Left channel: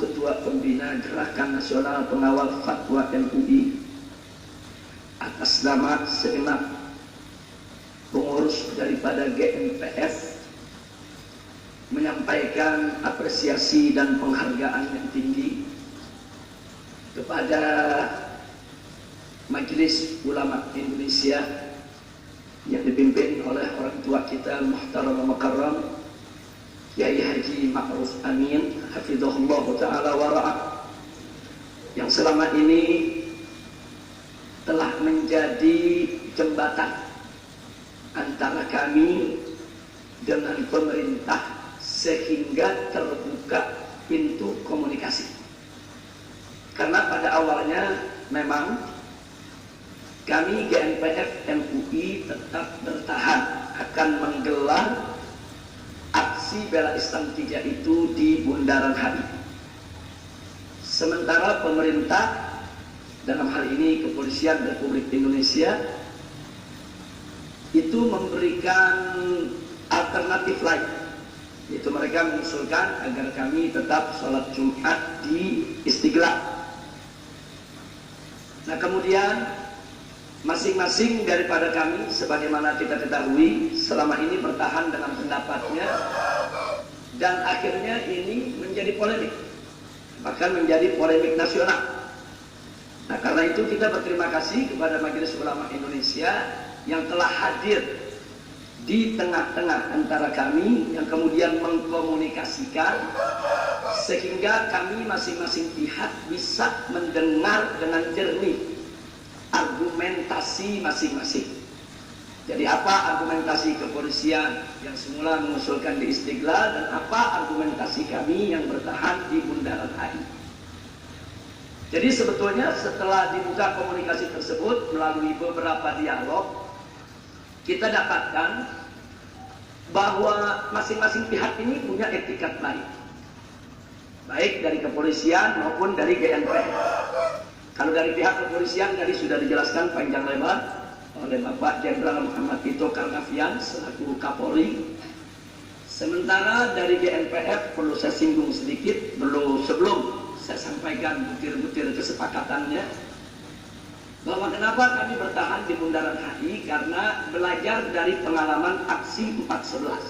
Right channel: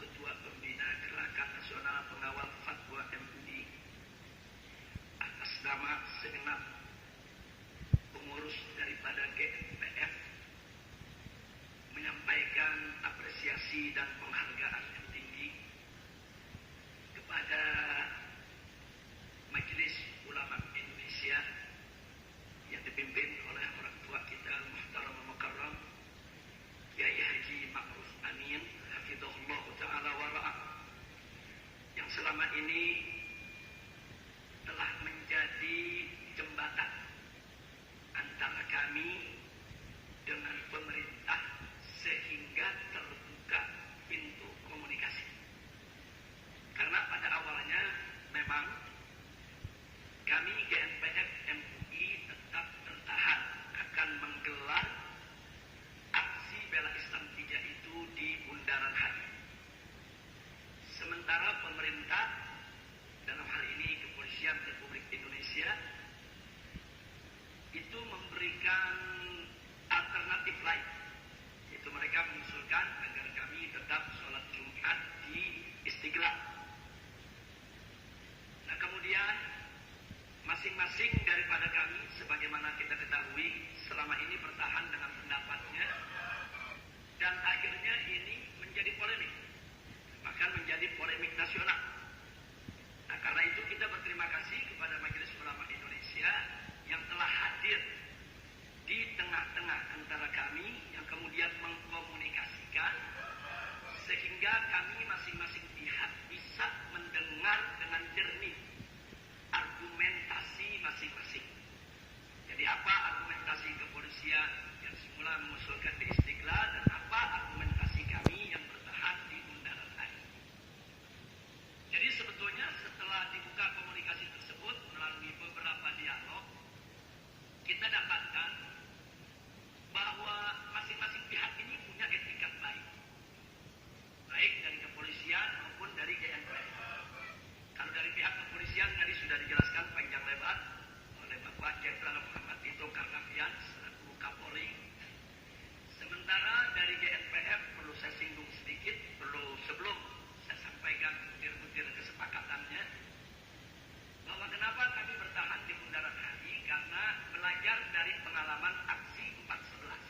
Ketua Pembina Gerakan Nasional Pengawal Fatwa MUI, atas nama segenap pengurus daripada GNPF menyampaikan apresiasi dan penghargaan yang tinggi kepada Majelis Ulama Indonesia yang dipimpin oleh orang tua kita Muhtaram Mukarram Kiai Haji Ma'ruf Amin hafizahullah ta'ala wa ra'ah, yang selama ini telah menjadi jembatan antara kami dengan pemerintah sehingga terbuka pintu komunikasi. Karena pada awalnya memang kami GNPF MUI tetap bertahan akan menggelar aksi bela Islam 3 itu di Bundaran HI. Sementara pemerintah, dalam hal ini Kepolisian Republik Indonesia, itu memberikan alternatif lain, yaitu mereka mengusulkan agar kami tetap sholat Jumat di Istiqlal. Nah, kemudian masing-masing daripada kami, sebagaimana kita ketahui, selama ini bertahan dengan pendapatnya, dan akhirnya ini menjadi polemik, bahkan menjadi polemik nasional. Nah, karena itu kita berterima kasih kepada Majelis Ulama Indonesia yang telah hadir di tengah-tengah antara kami, yang kemudian mengkomunikasikan sehingga kami masing-masing pihak bisa mendengar dengan jernih argumentasi masing-masing. Jadi apa argumentasi kepolisian yang semula mengusulkan di Istiqlal, dan apa argumentasi kami yang bertahan di Bundaran HI. Jadi sebetulnya setelah dibuka komunikasi tersebut melalui beberapa dialog, kita dapatkan bahwa masing-masing pihak ini punya etikat baik dari kepolisian maupun dari GNPF. Kalau dari pihak kepolisian tadi sudah dijelaskan panjang lebar oleh Bapak Jenderal Muhammad Tito Karnavian selaku Kapolri. Sementara dari GNPF perlu saya singgung sedikit sebelum saya sampaikan butir-butir kesepakatannya, bahwa kenapa kami bertahan di Bundaran HI, karena belajar dari pengalaman aksi 4/11,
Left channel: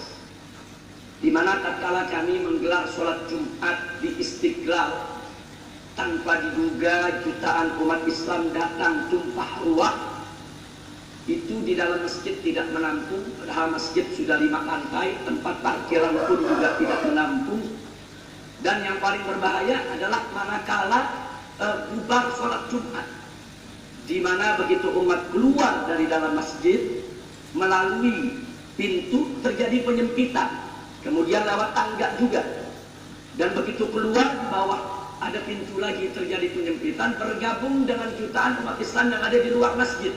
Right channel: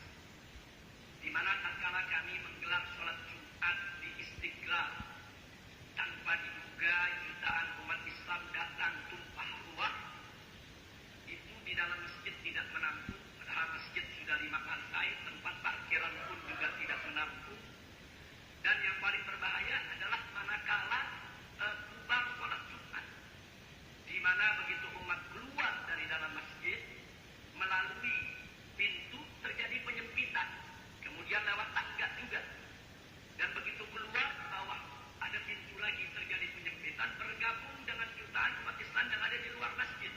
di mana tatkala kami menggelar sholat Jumat di Istiqlal, tanpa diduga jutaan umat Islam datang tumpah ruah. Itu di dalam masjid tidak menampung, padahal masjid sudah 5 lantai, tempat parkiran pun juga tidak menampung. Dan yang paling berbahaya adalah manakala bubar sholat Jumat, di mana begitu umat keluar dari dalam masjid melalui pintu terjadi penyempitan, kemudian lewat tangga juga, dan begitu keluar di bawah ada pintu lagi terjadi penyempitan, bergabung dengan jutaan umat Islam yang ada di luar masjid.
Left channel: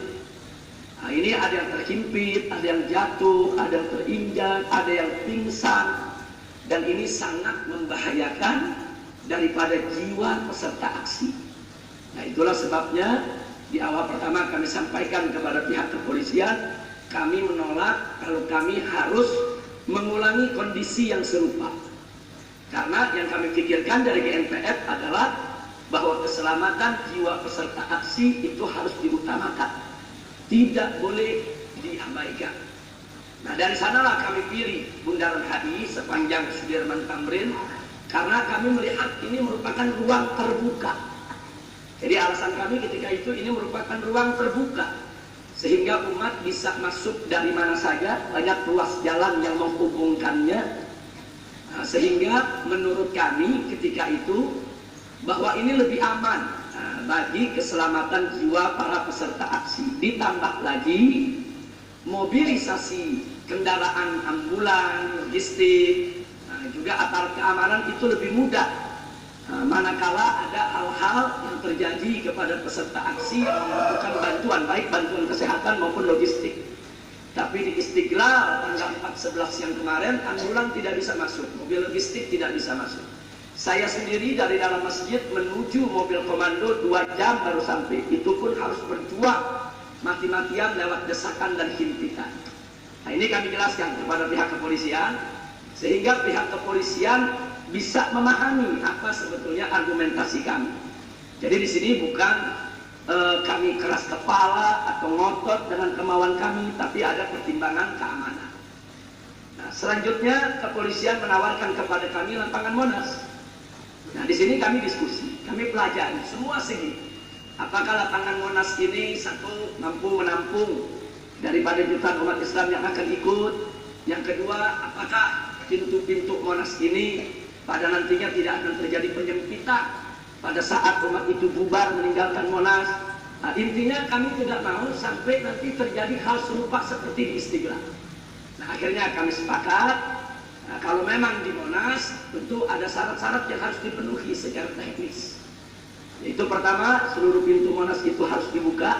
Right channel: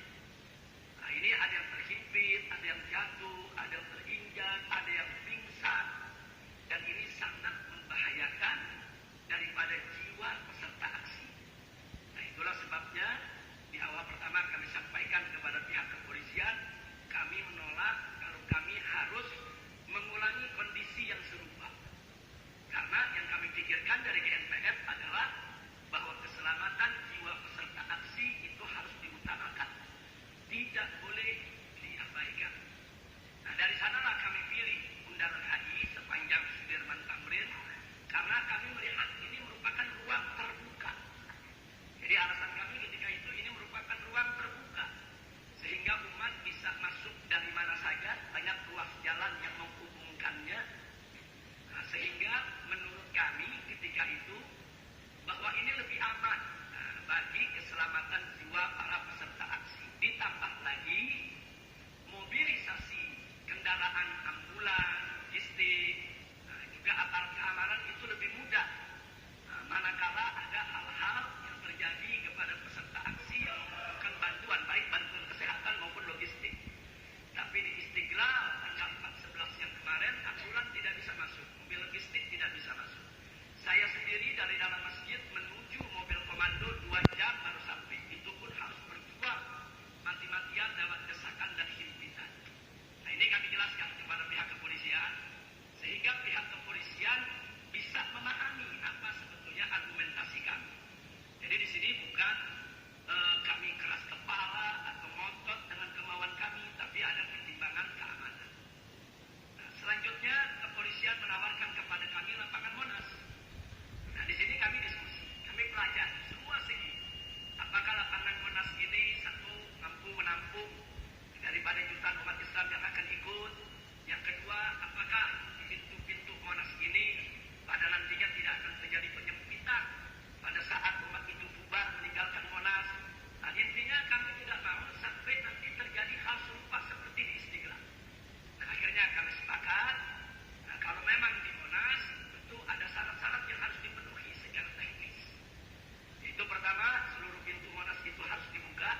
Nah, ini ada yang terhimpit, ada yang jatuh, ada yang terinjak, ada yang pingsan, dan ini sangat membahayakan daripada jiwa peserta aksi. Nah, itulah sebabnya di awal pertama kami sampaikan kepada pihak kepolisian, kami menolak kalau kami harus mengulangi kondisi yang serupa. Karena yang kami pikirkan dari GNPF adalah bahwa keselamatan jiwa peserta aksi itu harus diutamakan, tidak boleh diabaikan. Nah, dari sanalah kami pilih Bundaran HI sepanjang Sudirman Tamrin, karena kami melihat ini merupakan ruang terbuka. Jadi alasan kami ketika itu, ini merupakan ruang terbuka, sehingga umat bisa masuk dari mana saja, banyak ruas jalan yang menghubungkannya. Nah, sehingga menurut kami ketika itu bahwa ini lebih aman bagi keselamatan jiwa para peserta aksi. Ditambah lagi mobilisasi kendaraan ambulan, logistik, juga aparat keamanan itu lebih mudah manakala ada hal-hal yang terjadi kepada peserta aksi yang membutuhkan bantuan, baik bantuan kesehatan maupun logistik. Tapi di Istiqlal tanggal 4/11 yang kemarin, ambulan tidak bisa masuk, mobil logistik tidak bisa masuk. Saya sendiri dari dalam masjid menuju mobil komando 2 jam baru sampai. Itu pun harus berjuang mati-matian lewat desakan dan himpitan. Nah, ini kami jelaskan kepada pihak kepolisian, sehingga pihak kepolisian bisa memahami apa sebetulnya argumentasi kami. Jadi di sini bukan kami keras kepala atau ngotot dengan kemauan kami, tapi ada pertimbangan keamanan. Nah, selanjutnya kepolisian menawarkan kepada kami lapangan Monas. Nah, di sini kami diskusi, kami pelajari semua segi. Apakah lapangan Monas ini satu mampu menampung daripada jutaan umat Islam yang akan ikut? Yang kedua, apakah pintu-pintu Monas ini pada nantinya tidak akan terjadi penyempitan pada saat umat itu bubar meninggalkan Monas? Nah, intinya kami tidak mau sampai nanti terjadi hal serupa seperti di Istiqlal. Nah, akhirnya kami sepakat, nah, kalau memang di Monas tentu ada syarat-syarat yang harus dipenuhi secara teknis. Yaitu pertama, seluruh pintu Monas itu harus dibuka.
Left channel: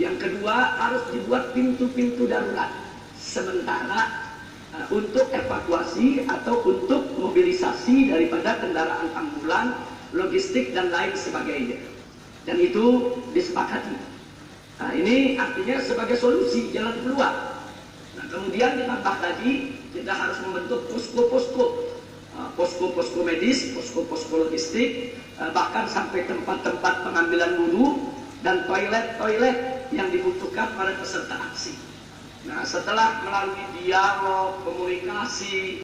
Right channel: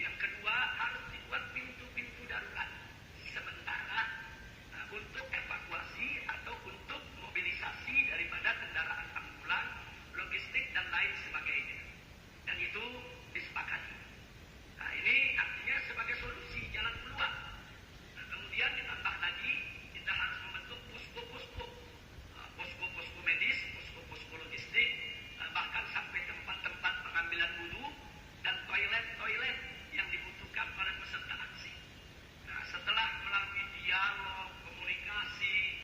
Yang kedua, harus dibuat pintu-pintu darurat sementara untuk evakuasi atau untuk mobilisasi daripada kendaraan ambulan, logistik dan lain sebagainya. Dan itu disepakati. Nah, ini artinya sebagai solusi jalan keluar. Nah, kemudian ditambah lagi kita harus membentuk posko-posko medis, posko-posko logistik, bahkan sampai tempat-tempat pengambilan wudhu dan toilet-toilet yang dibutuhkan pada peserta aksi. Nah, setelah melalui dialog, komunikasi,